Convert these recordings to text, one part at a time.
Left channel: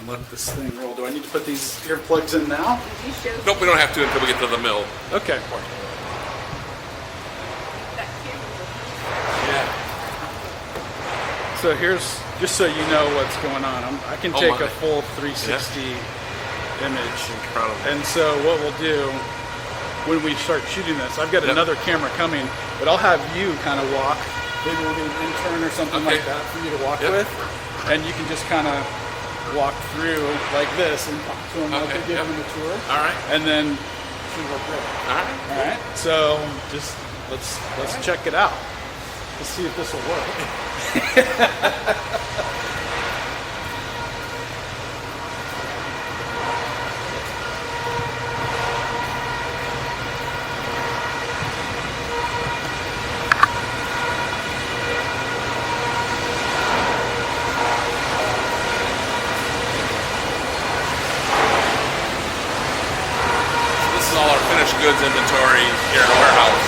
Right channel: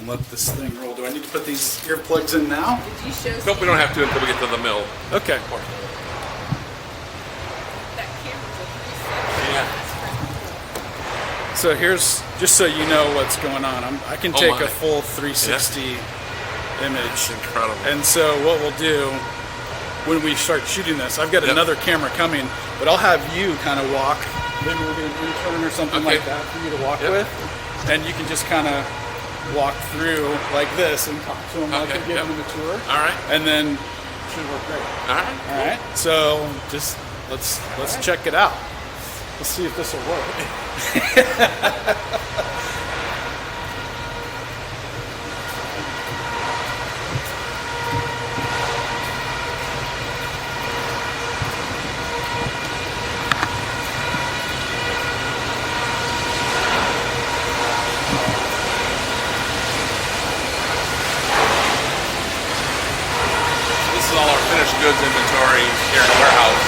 and let this thing roll. Do I need to put these earplugs in now? Did you show Nope, we don't have to until we get to the mill. Okay. that Yeah. So here's, just so you know what's going on, I can Oh take my. a full 360 image. Incredible. And so what we'll do when we start shooting this, I've got Yep. another camera coming, but I'll have you kind of walk, maybe we'll do an intern or something Okay. like that for you to walk Yep. with. And you can just kind of walk through like this and talk to him like Okay, you're giving yep. him a tour. All right. And then shoot real quick. All right. All right. So just let's check it out. Let's see if this will work. This is all our finished goods inventory here in the warehouse.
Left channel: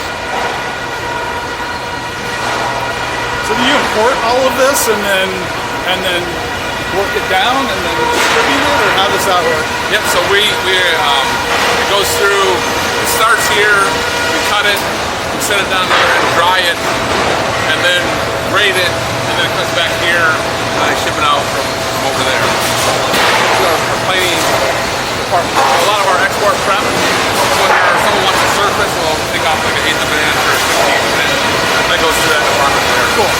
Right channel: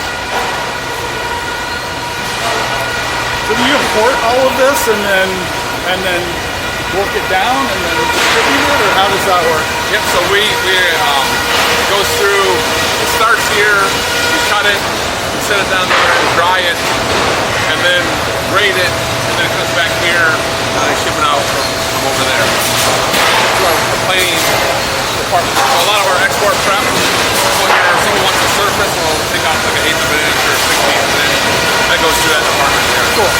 So do you import all of this and then work it down and then distribute it, or how does that work? Yep. So it goes through. It starts here. We cut it, set it down there, and dry it, and then grade it, and then it comes back here, and I ship it out from over there. So our planing department. A lot of our export prep. When someone wants to surface, we'll take off like an eighth of an inch or a 16th of an inch. That goes through that department there. Cool.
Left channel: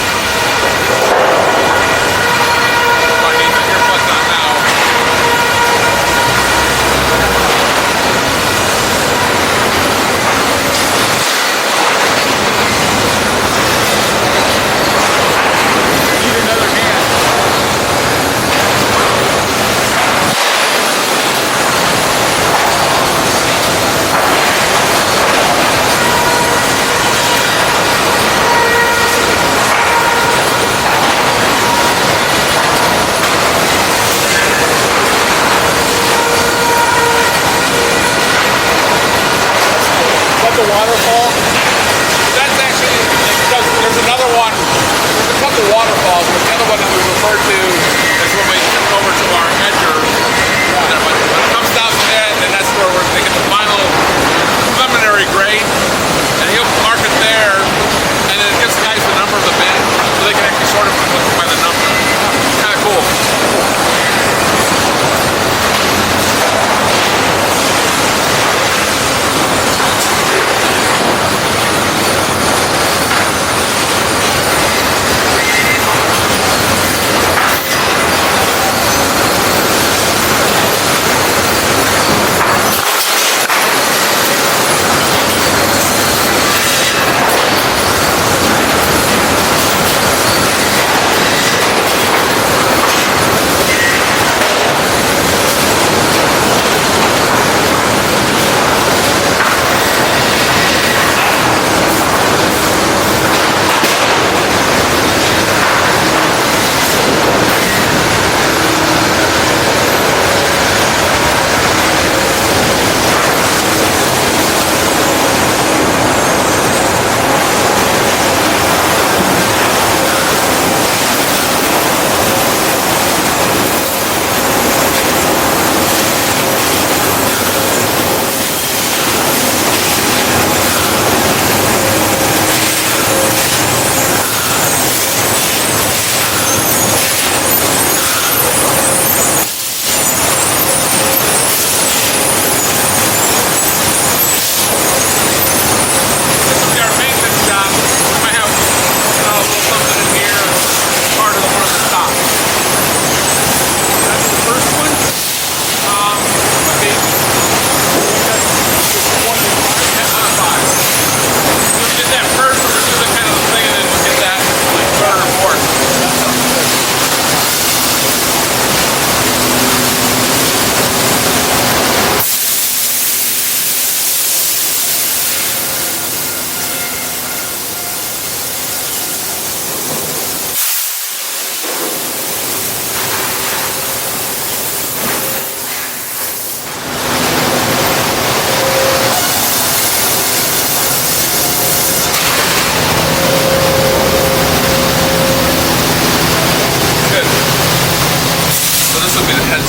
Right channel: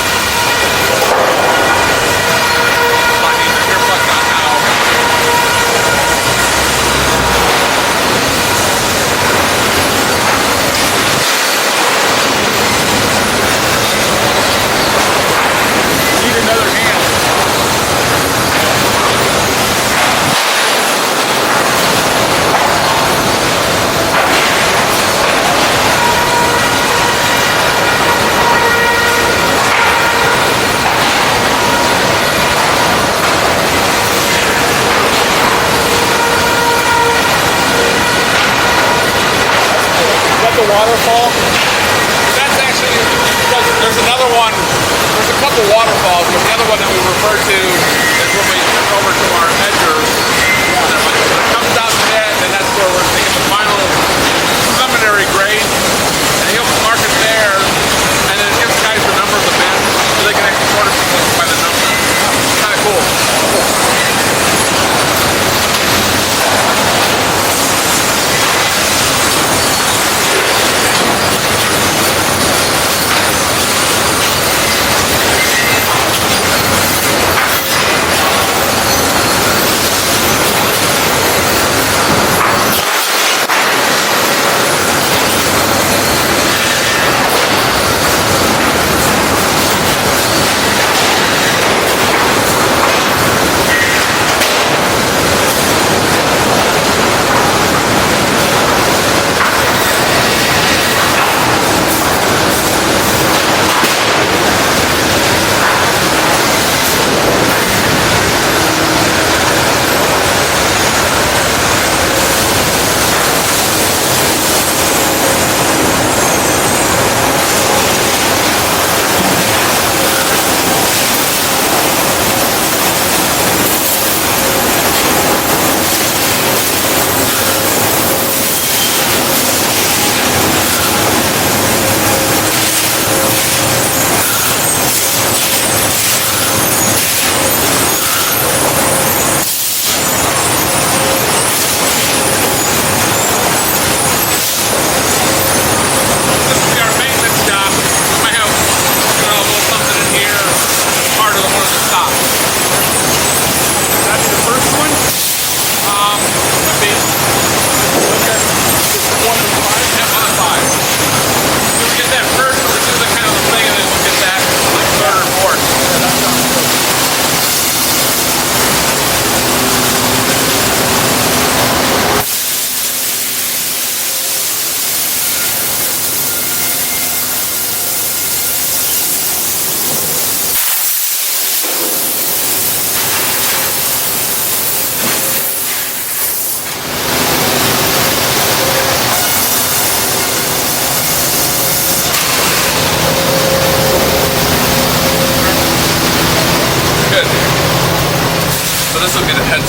So I mean, the earplugs on now.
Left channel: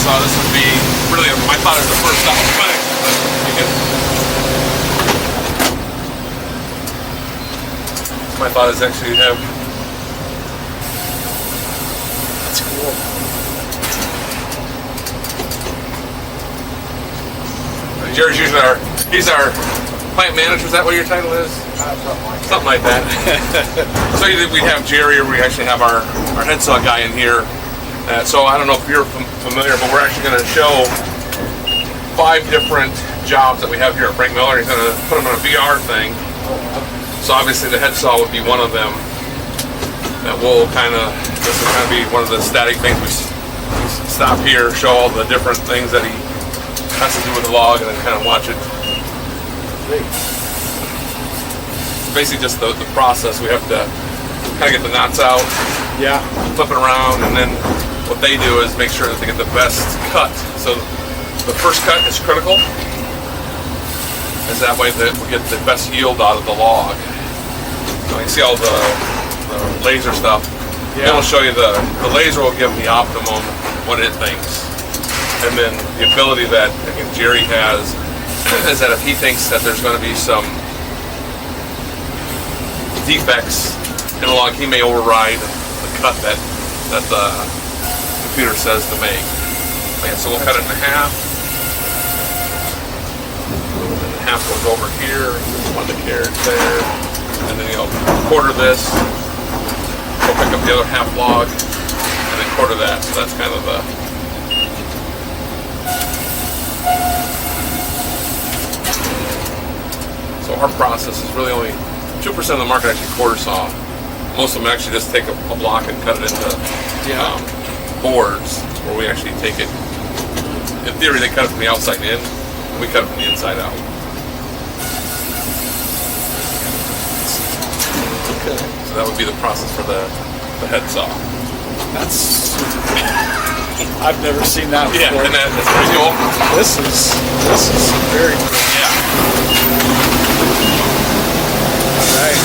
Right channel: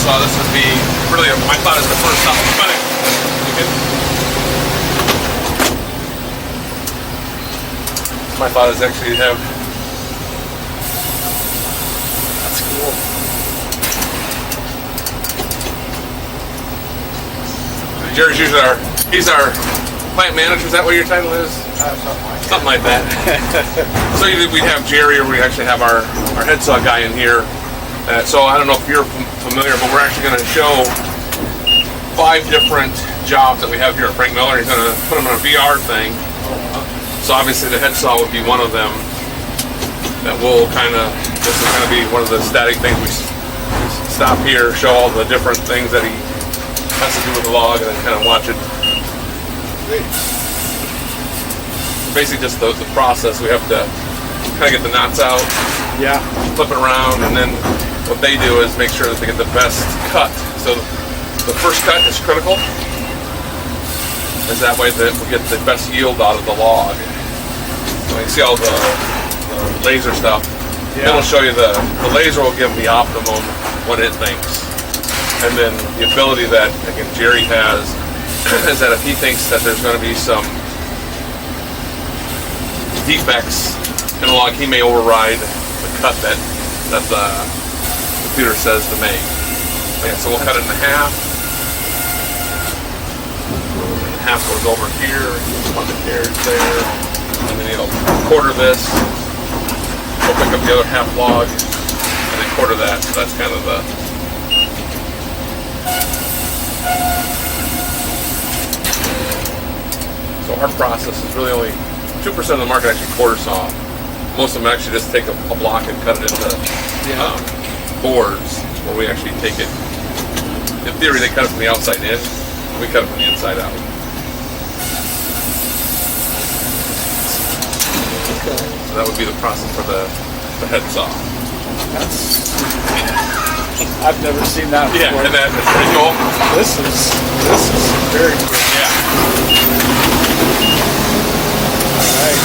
saw, this would be really, my thought is the first stop of cutting. My thought is actually have. That's cool. Jerry's usually he's our plant manager. Is that what your title is? Something like that. So we have Jerry, or we actually have our head saw guy in here. So I don't know if you're familiar, but we're actually going to show 5 different jobs that we have here at Frank Miller. He's going to put them on a VR thing. So obviously the head saw would be one of them. That will this will kind of be one of the static things. We stop here, show all the different things that he has to do with the log, and then kind of watch it. Basically just the process. We have to kind of get the knots out, Yeah. flip it around, and then what they do is make sure that they get the best cut. So the first cut is critical, is that way that we get the best yield out of the log. So you see all the laser stuff. Yeah. It'll show you the laser will give the optimum what it thinks. And then the ability that, again, Jerry has is that if he thinks that there's going to be some defects in the log, he may override the cut that the computer says to make. Okay, so we'll cut it in half. And half goes over here on the carriage there. And then you'll quarter this. We'll pick up the other half log and then quarter that. So that's kind of the. So our process is really only 2% of the market actually quarter saw. Most of them actually just take a block and cut it into boards, where we actually take it. In theory, they cut it from the outside in, and we cut it from the inside out. Okay. So that would be the process for the head saw. That's. I've never seen that before. Yeah, and that's pretty cool. This is very cool. Yeah. All right.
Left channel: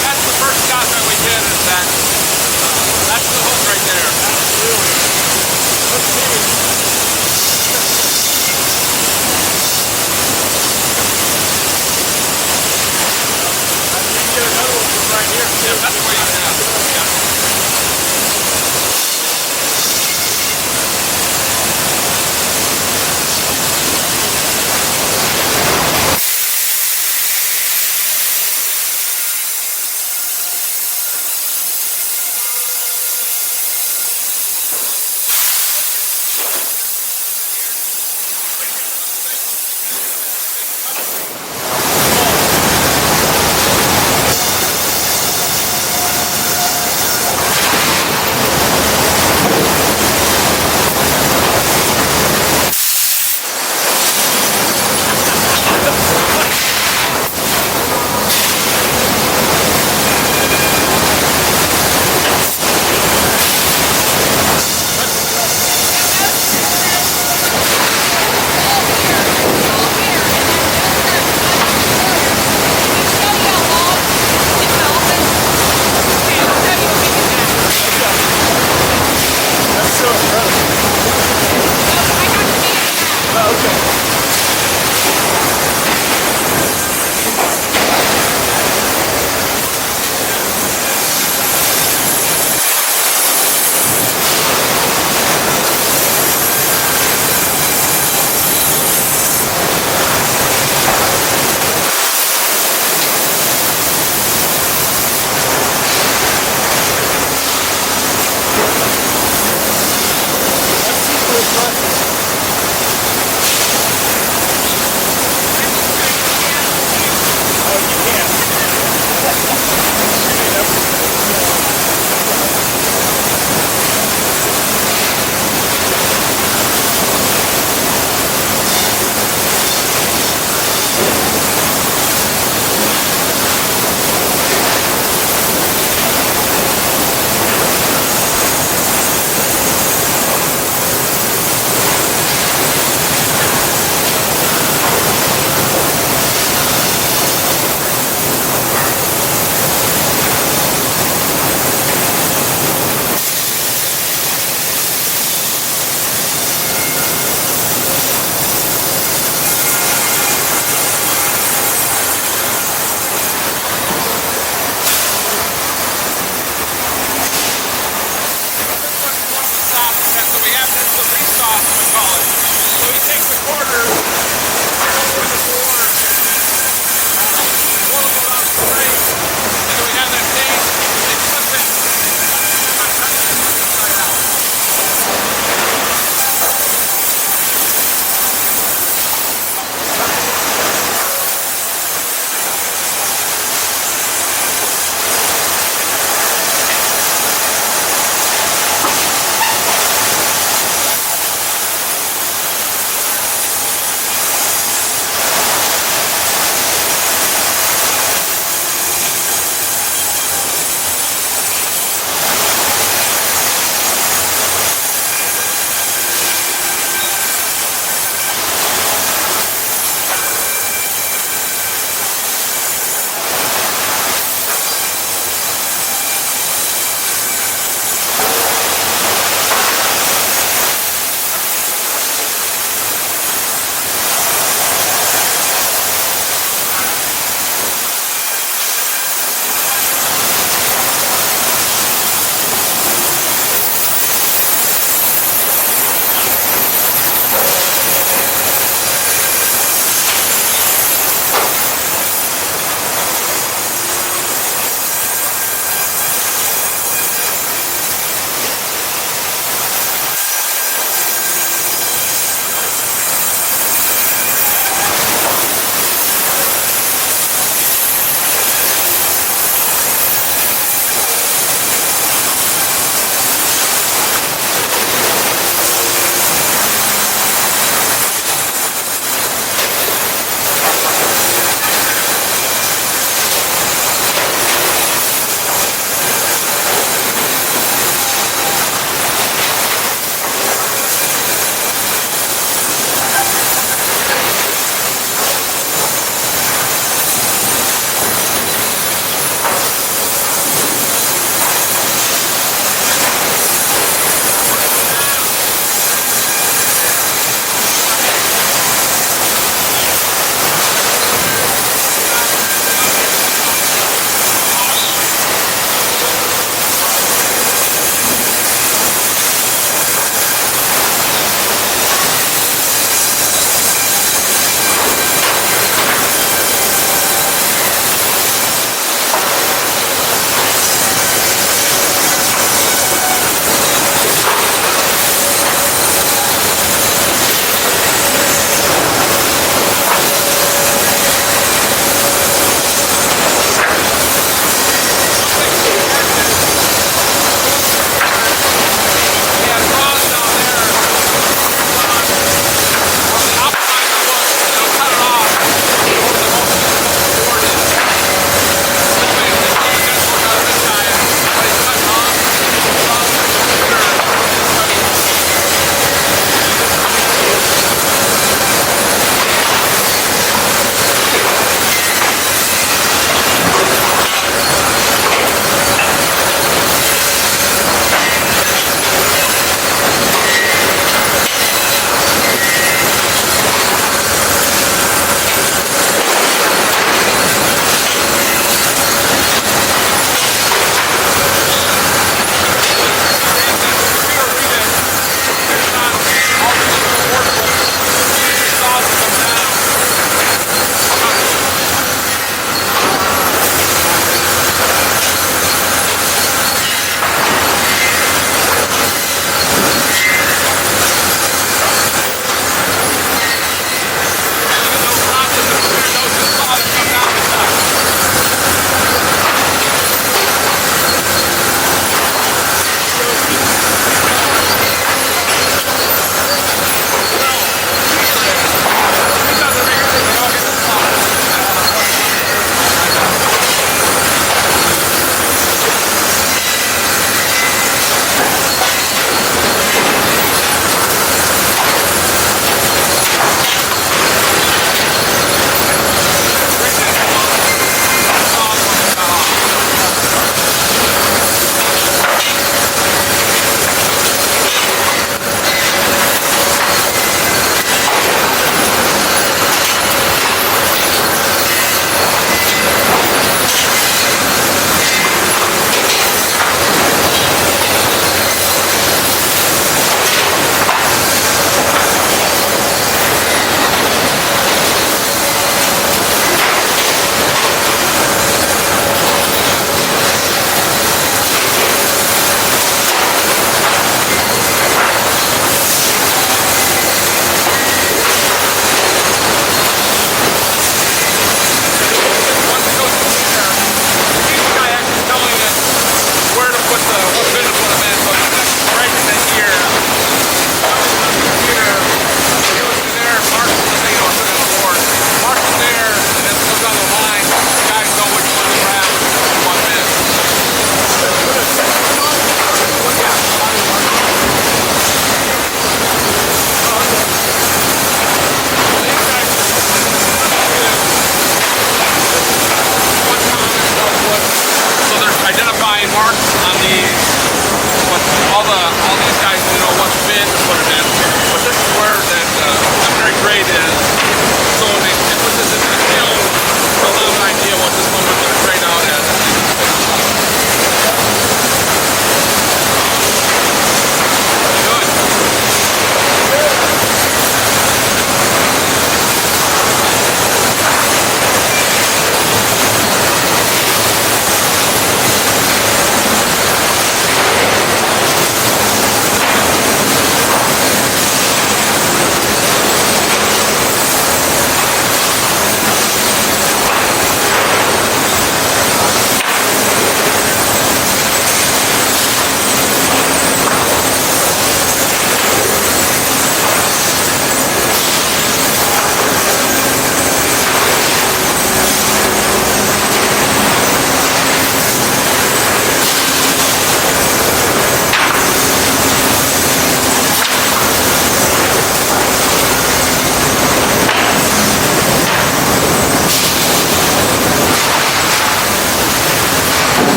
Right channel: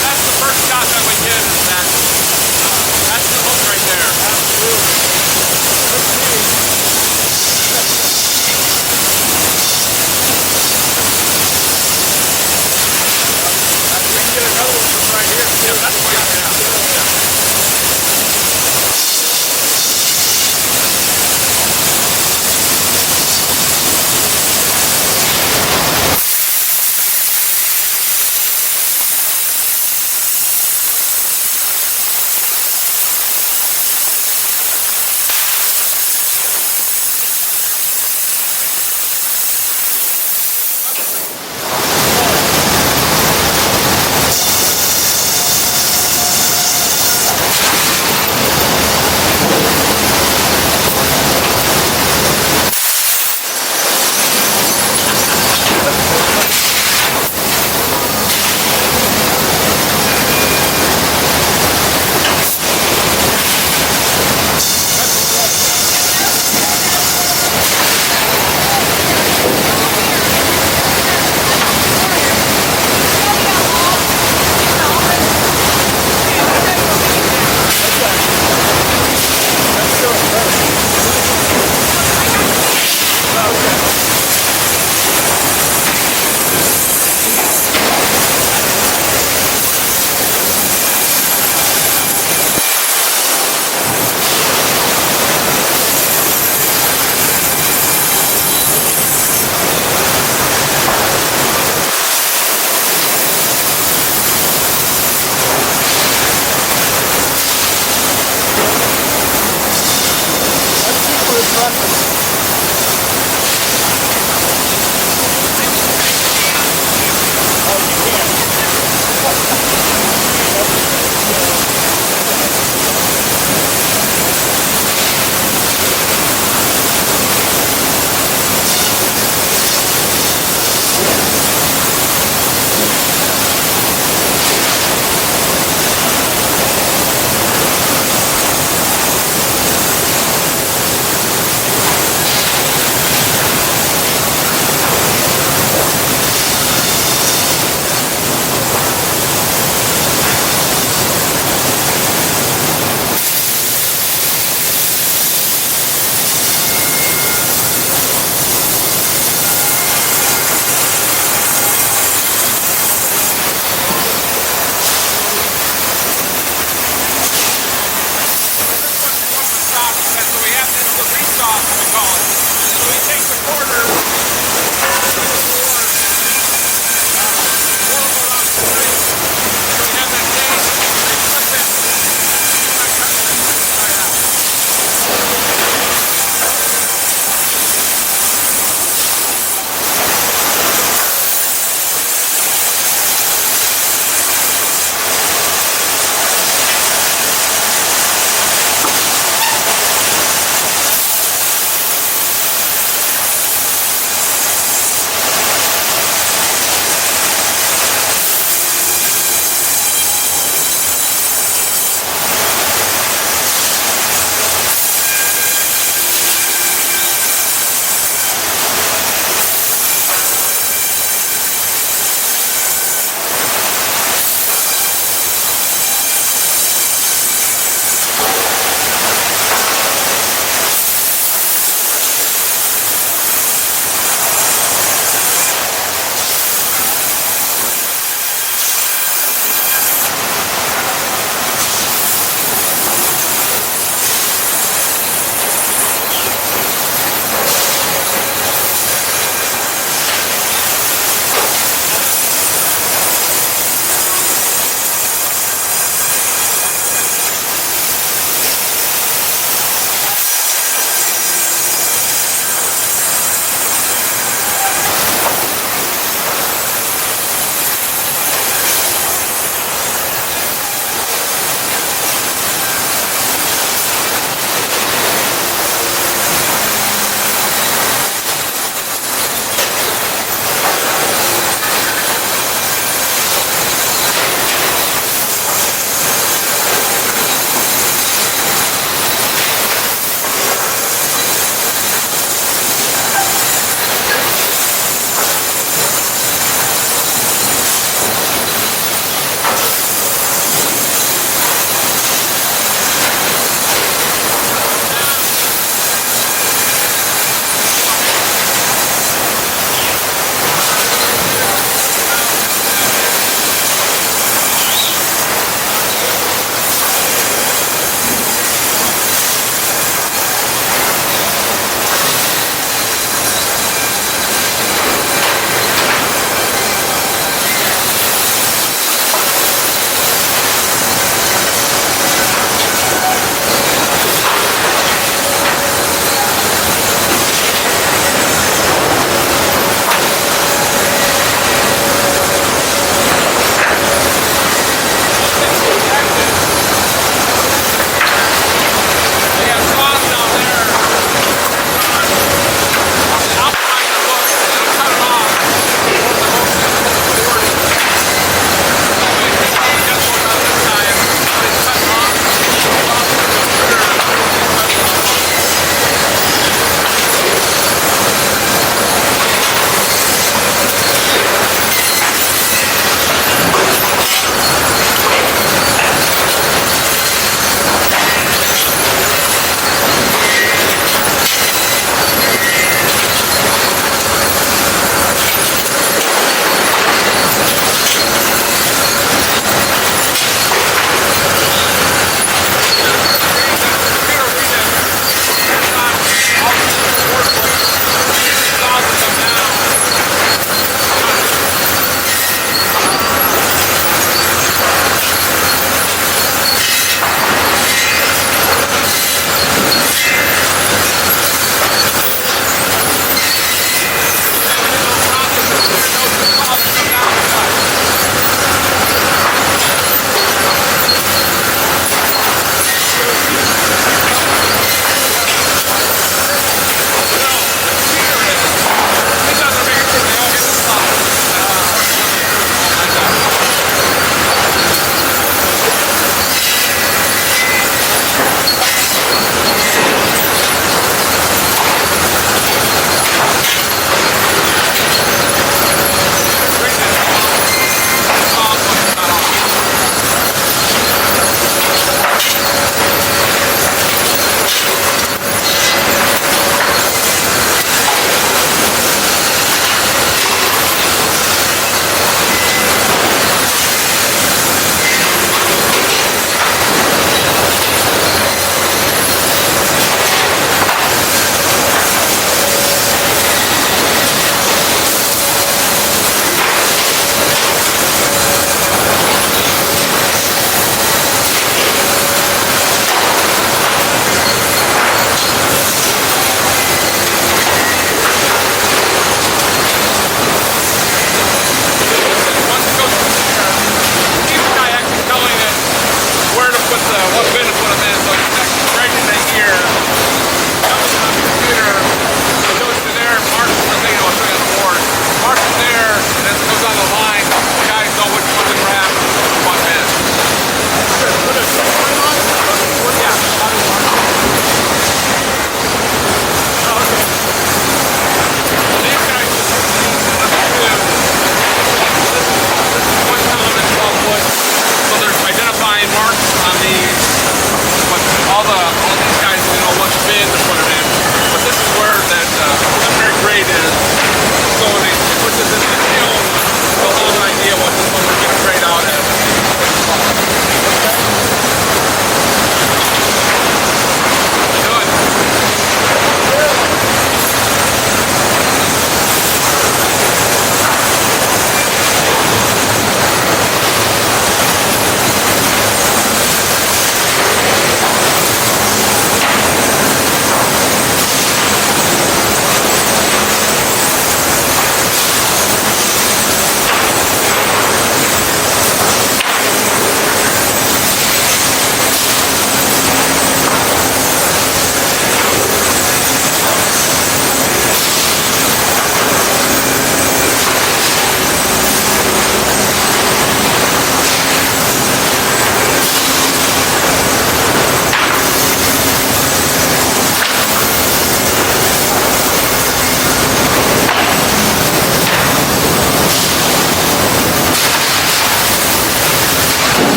That's the first shot that we did. Is that's the hook right there. Absolutely. Let's see. I can get another one from right here. Yeah, that's right now.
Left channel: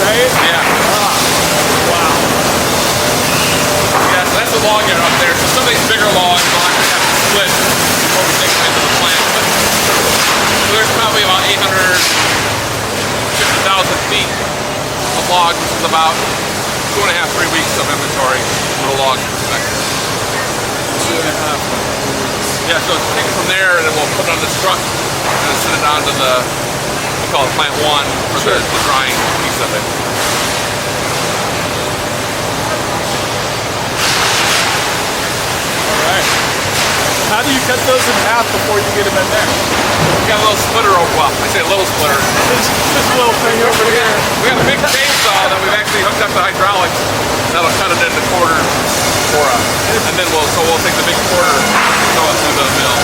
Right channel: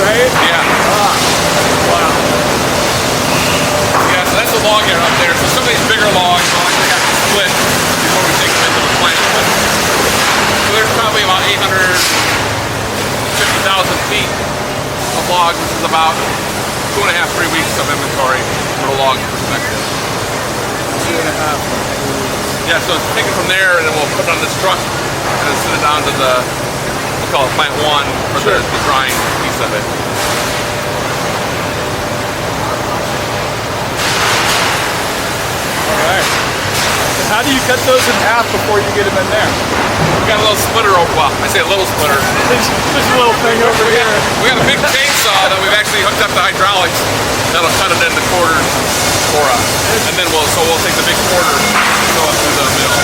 right? Yeah. Wow. Yeah, so that's a log yard up there. So some of these bigger logs will actually have to split before we take them into the plant. So there's probably about 850,000 feet of logs, which is about 2.5, 3 weeks of inventory for the log perspective. 2.5. Yeah, so take it from there and then we'll put it on this truck and then send it down to the, we call it plant 1 for the drying piece of it. Alright. How do you cut those in half before you get them in there? We got a little splitter over, well, I say a little splitter. This little thing over here. We got a big chainsaw that we've actually hooked up to hydraulics that'll cut it into quarters for us. And then we'll take the big quarter and go through the mill.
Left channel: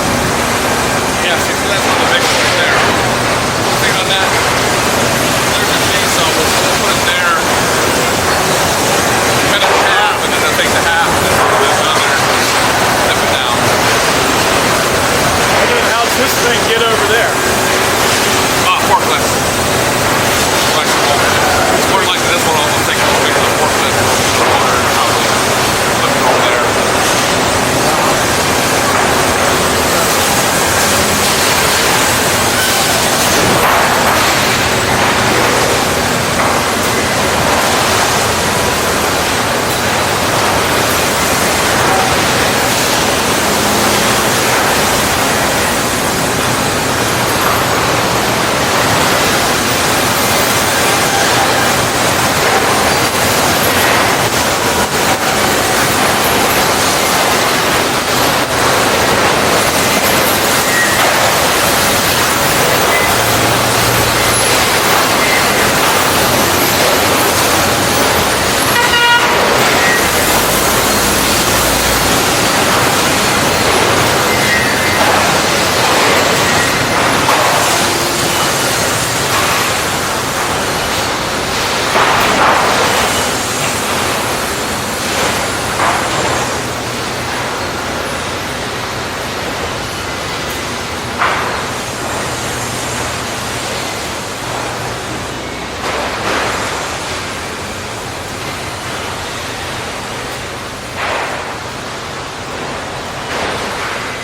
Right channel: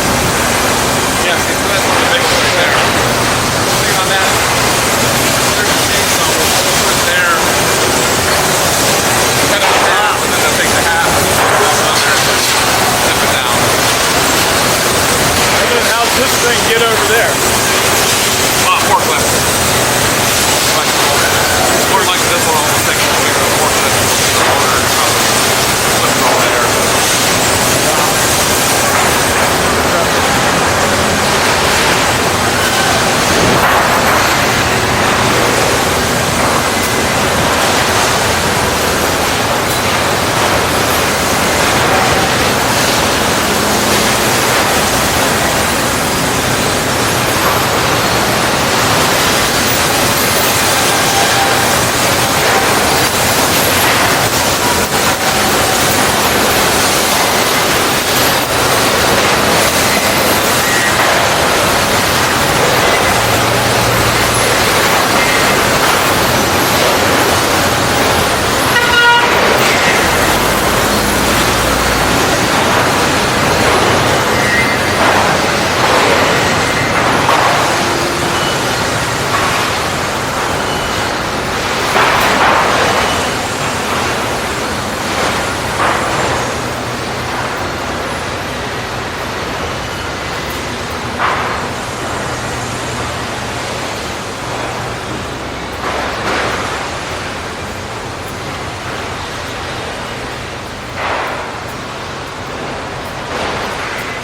Yeah, see, so that's one of the big ones right there. Take on that. There's the chainsaw. We'll put it there. Cut it in half, and then I'll take the half and put this on there. Set it down. And then how's this thing get over there? Forklift. More like this one, I'll take it away to the forklift. Put it over there.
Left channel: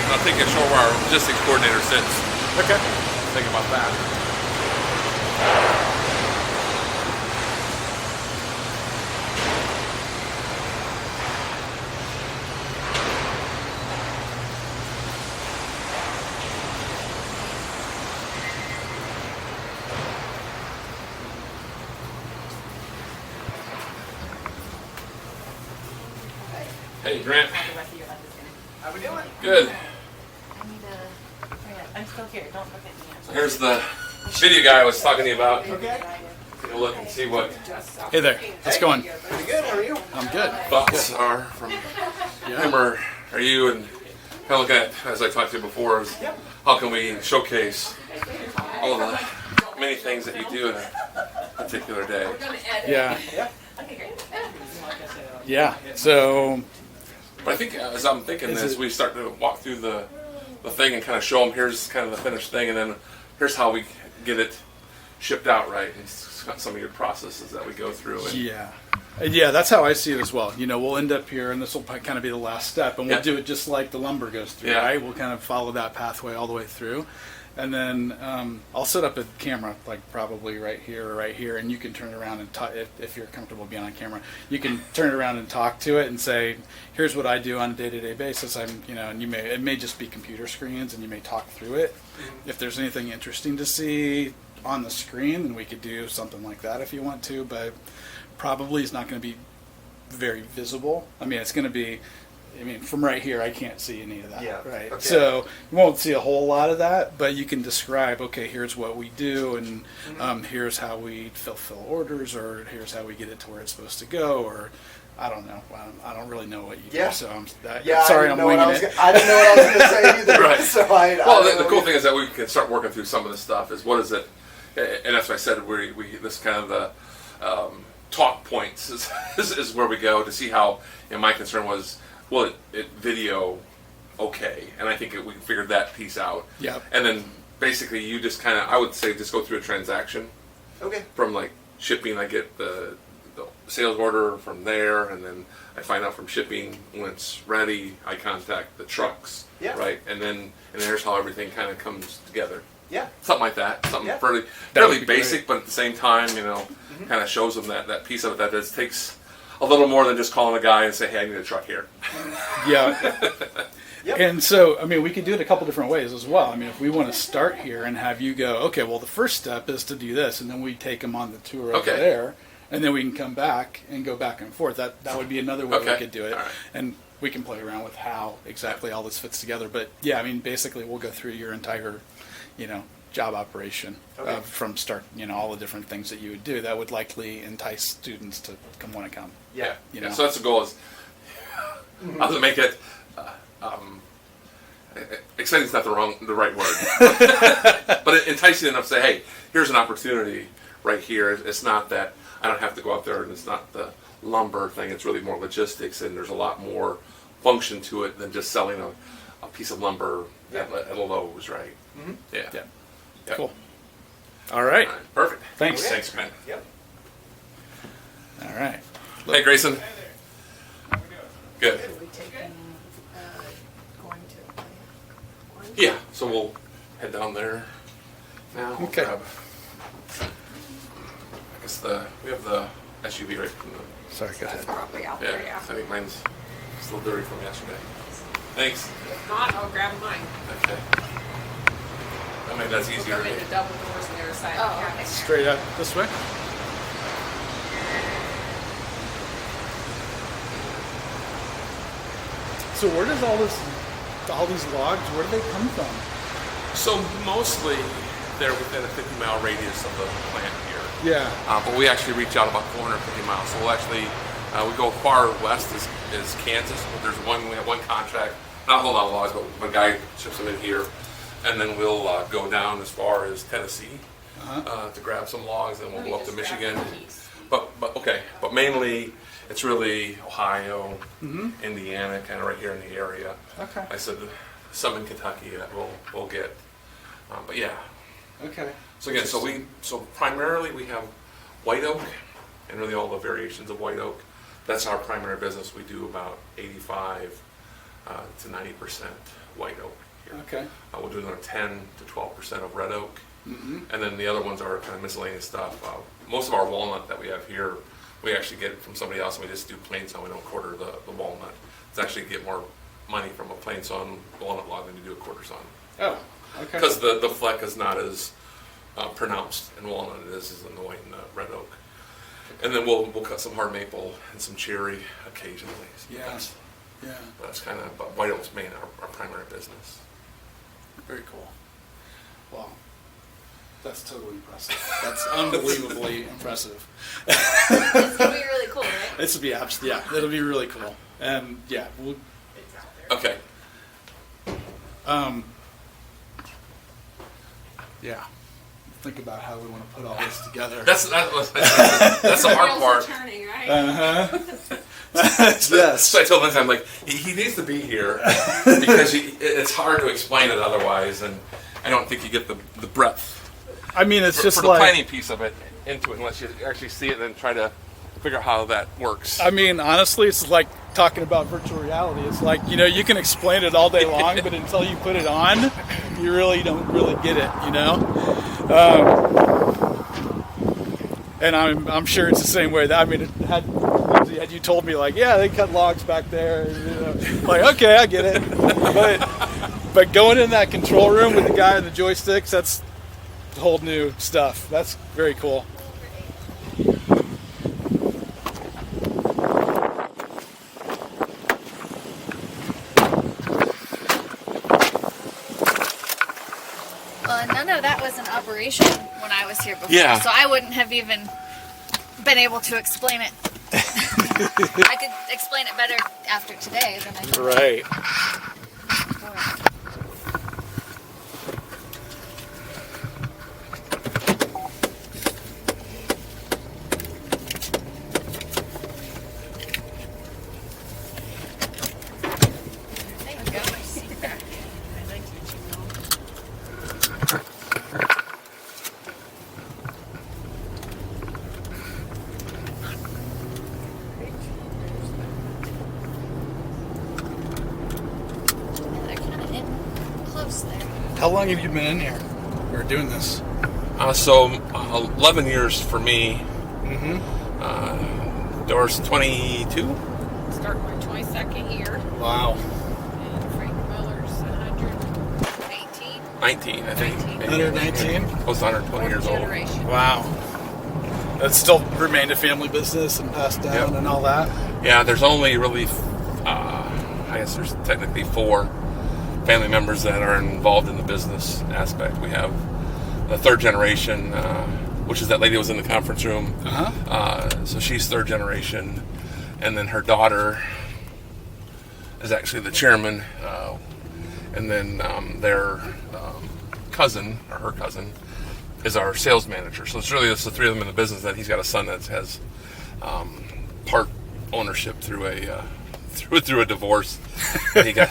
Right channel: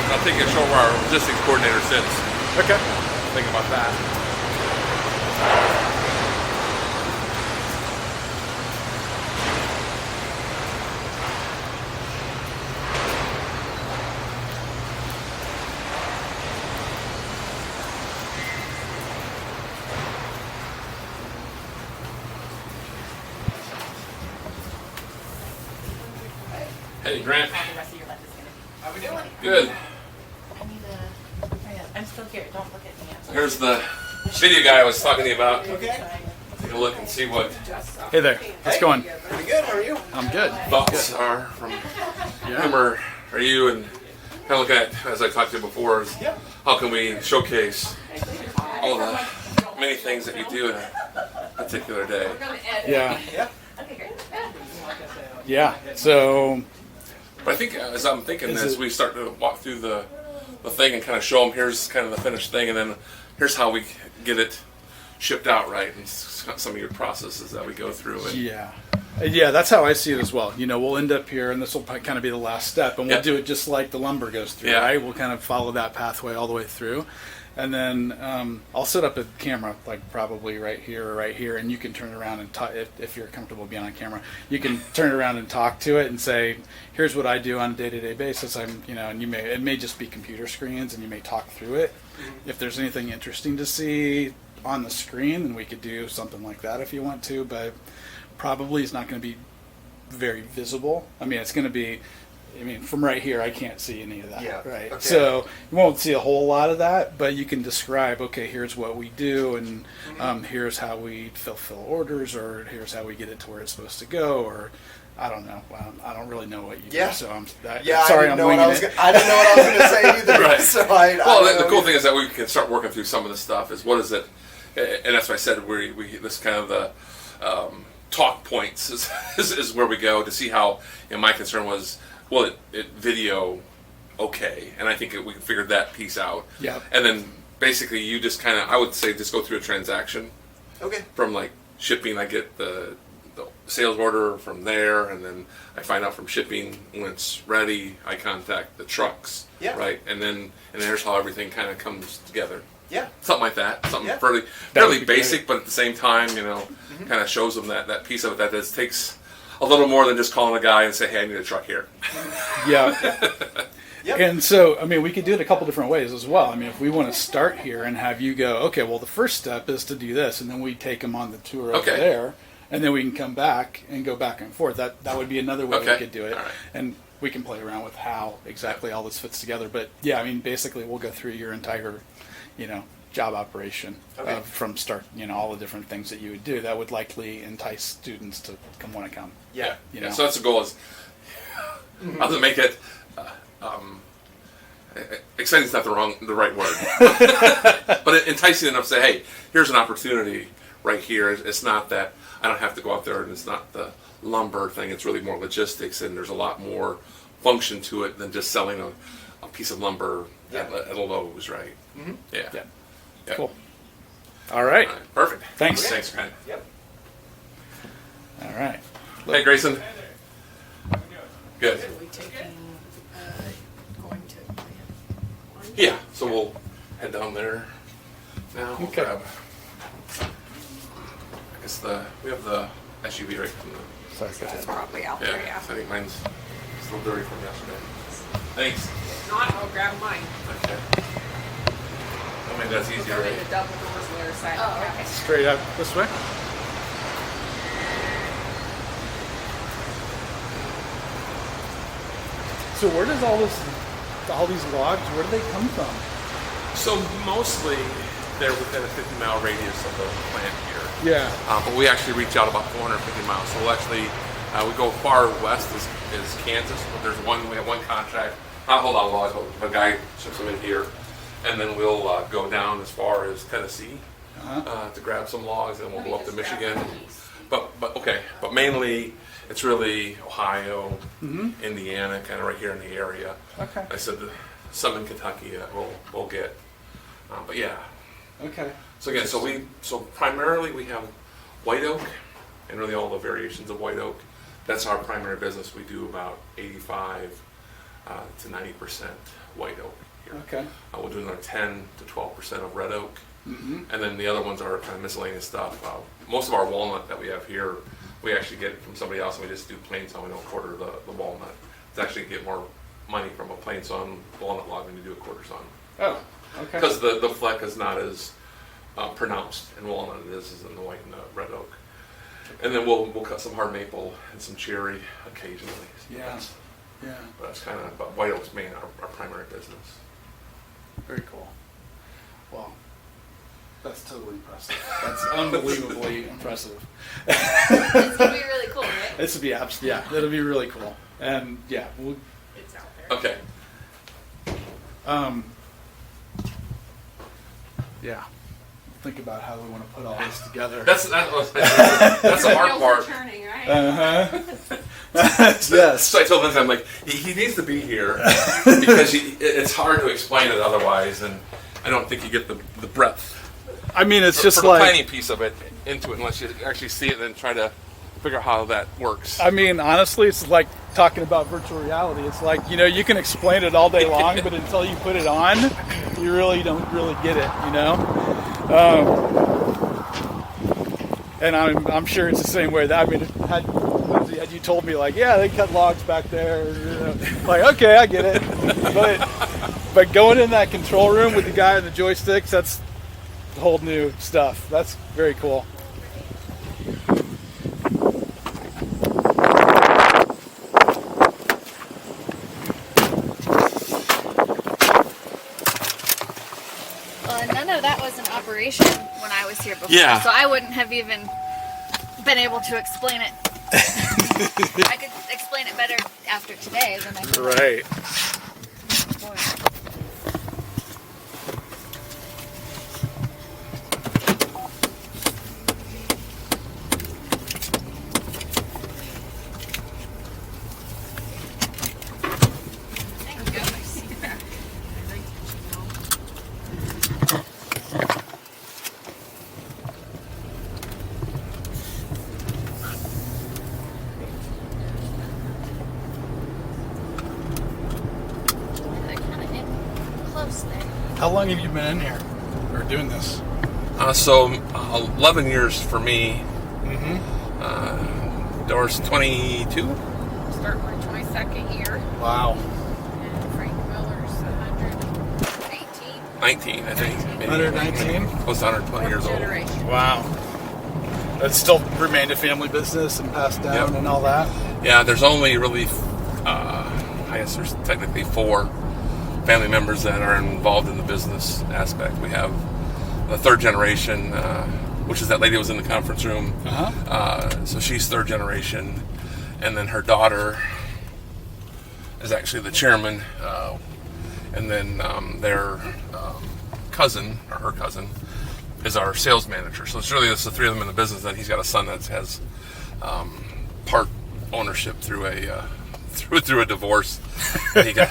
I'll take you to show where our logistics coordinator sits. Okay. Think about that. Hey, Grant. How the rest of your life is going. How we doing? Good. I need to. I'm still here. Don't look at me. Here's the video guy I was talking to you about. Okay. Take a look and see what Hey there. How's it going? Good, how are you? I'm good. thoughts are from him or are you, and kind of look at, as I talked to you before, is how can we showcase all the many things that you do in a particular day. Yeah. Okay, great. Yeah. So, But I think as I'm thinking Is this, it- we start to walk through the thing and kind of show them here's kind of the finished thing, and then here's how we get it shipped out right, and some of your processes that we go through. And yeah. Yeah, that's how I see it as well. You know, we'll end up here, and this will kind of be the last step, and we'll Yeah. do it just like the lumber goes through, Yeah. right? We'll kind of follow that pathway all the way through. And then I'll set up a camera, like probably right here or right here, and you can turn around and talk, if you're comfortable being on camera, you can turn around and talk to it and say, here's what I do on a day-to-day basis. And it may just be computer screens, and you may talk through it. If there's anything interesting to see on the screen, then we could do something like that if you want to, but probably it's not going to be very visible. I mean, it's going to be, I mean, from right here, I can't see any of that, Yeah, right? okay. So you won't see a whole lot of that, but you can describe, okay, here's what we do, and here's how we fulfill orders, or here's how we get it to where it's supposed to go, or I don't know. I don't really know what you Yeah. do, so I sorry, didn't I'm know what winging I was it. I didn't know what I was going to say either. Right. So Well, I the cool thing is that we can start working through some of the stuff. Is what is it? And that's why I said we this kind of the talk points is where we go to see how. My concern was, well, it video okay, and I think we figured that piece out. Yep. And then basically you just kind of, I would say, just go through a transaction Okay. from like shipping. I get the sales order from there, and then I find out from shipping when it's ready. I contact the trucks, Yeah. right, and there's how everything kind of comes together. Yeah. Something like that. Something Yeah. fairly That would be basic, but at the same time, kind of shows them that piece of it that just takes a little more than just calling a guy and say, "Hey, I need a truck here." Yeah. Yep. And so, I mean, we could do it a couple different ways as well. I mean, if we want to start here and have you go, okay, well, the first step is to do this, and then we take them on the tour over Okay. there, and then we can come back and go back and forth. That would be another way we Okay. could do it. All right. And we can play around with how exactly all this fits together. But yeah, I mean, basically, we'll go through your entire, job operation Okay. from start. All the different things that you would do that would likely entice students to want to come. Yeah. So that's the goal. Is how to make it. Exciting is not the right word, but enticing enough to say, "Hey, here's an opportunity right here." It's not that I don't have to go out there, and it's not the lumber thing. It's really more logistics, and there's a lot more function to it than just selling a piece of lumber at a Lowe's, right? Mm-hmm. Yeah. Yeah. Cool. All right. All right. Perfect. Thanks. Okay. Thanks, man. Yep. All right. Hey, Grayson. Good. Are we taking, going to? Yeah. So we'll head down there now. We'll Okay. grab, I guess we have the SUV right from the. Sorry, go ahead. It's probably out Yeah. there, yeah. I think mine's still dirty from yesterday. Thanks. If not, I'll grab mine. Okay. I mean, that's We'll easier, go right? into double doors on the other side Oh, of the okay. cabin. Straight up this way. So where does all these logs, where do they come from? So mostly they're within a 50-mile radius of the plant here. Yeah. But we actually reach out about 450 miles. So we'll actually, we go far west is Kansas. But we have one contract, not hold on logs, but a guy ships them in here. And then we'll go down as far as Tennessee to grab some logs, and we'll go up to Michigan. But mainly it's really Ohio, Indiana, kind of right here in the area. Okay. I said some in Kentucky that we'll get. But yeah. Okay. So again, so primarily we have white oak and really all the variations of white oak. That's our primary business. We do about 85 to 90% white oak here. Okay. We'll do another 10 to 12% of red oak, and then the other ones are kind of miscellaneous stuff. Most of our walnut that we have here, we actually get it from somebody else, and we just do plain sawn. We don't quarter the walnut. It's actually get more money from a plain sawn walnut log than you do a quarter sawn. Oh. Okay. Because the fleck is not as pronounced in walnut as it is in the white and the red oak. And then we'll cut some hard maple and some cherry occasionally. Yeah. Yeah. But that's kind of, but white oak's main our primary business. Very cool. Wow. That's totally impressive. That's unbelievably impressive. It's gonna be really cool, right? It'll be it'll be really cool. And yeah, we'll It's out there. Okay. yeah. Think about how we want to put all this together. That's the hard Wheels are part. turning, right? Yes. So I told Lindsay, I'm like, he needs to be here because it's hard to explain it otherwise, and I don't think you get the breadth. I mean, it's For just the like, planning piece of it into it, unless you actually see it and then try to figure out how that works. I mean, honestly, it's like talking about virtual reality. It's like, you can explain it all day long, but until you put it on, you really don't really get it, And I'm sure it's the same way. Had you told me, like, yeah, they cut logs back there, like, okay, I get it. But going in that control room with the guy and the joysticks, that's whole new stuff. That's very cool. of that was in operation when I was here before. Yeah. So I wouldn't have even been able to explain it. I could explain it better after today than I could. Right. Thank you. They're kind of in close there. How long have you been in here or doing this? So 11 years for me. Mm-hmm. Doris 22. Start my 22nd year. Wow. And Frank Miller's 118. 19, I think. Maybe. 119? Close to 120 years old. Generation. Wow. That's still remained a family business and passed down Yep. and all that. Yeah, there's only really, I guess there's technically 4 family members that are involved in the business aspect. We have the third generation, which is that lady who was in the conference room. So she's third generation. And then her daughter is actually the chairman. And then their cousin, or her cousin, is our sales manager. So it's really just the 3 of them in the business. That he's got a son that has part ownership through a divorce. He got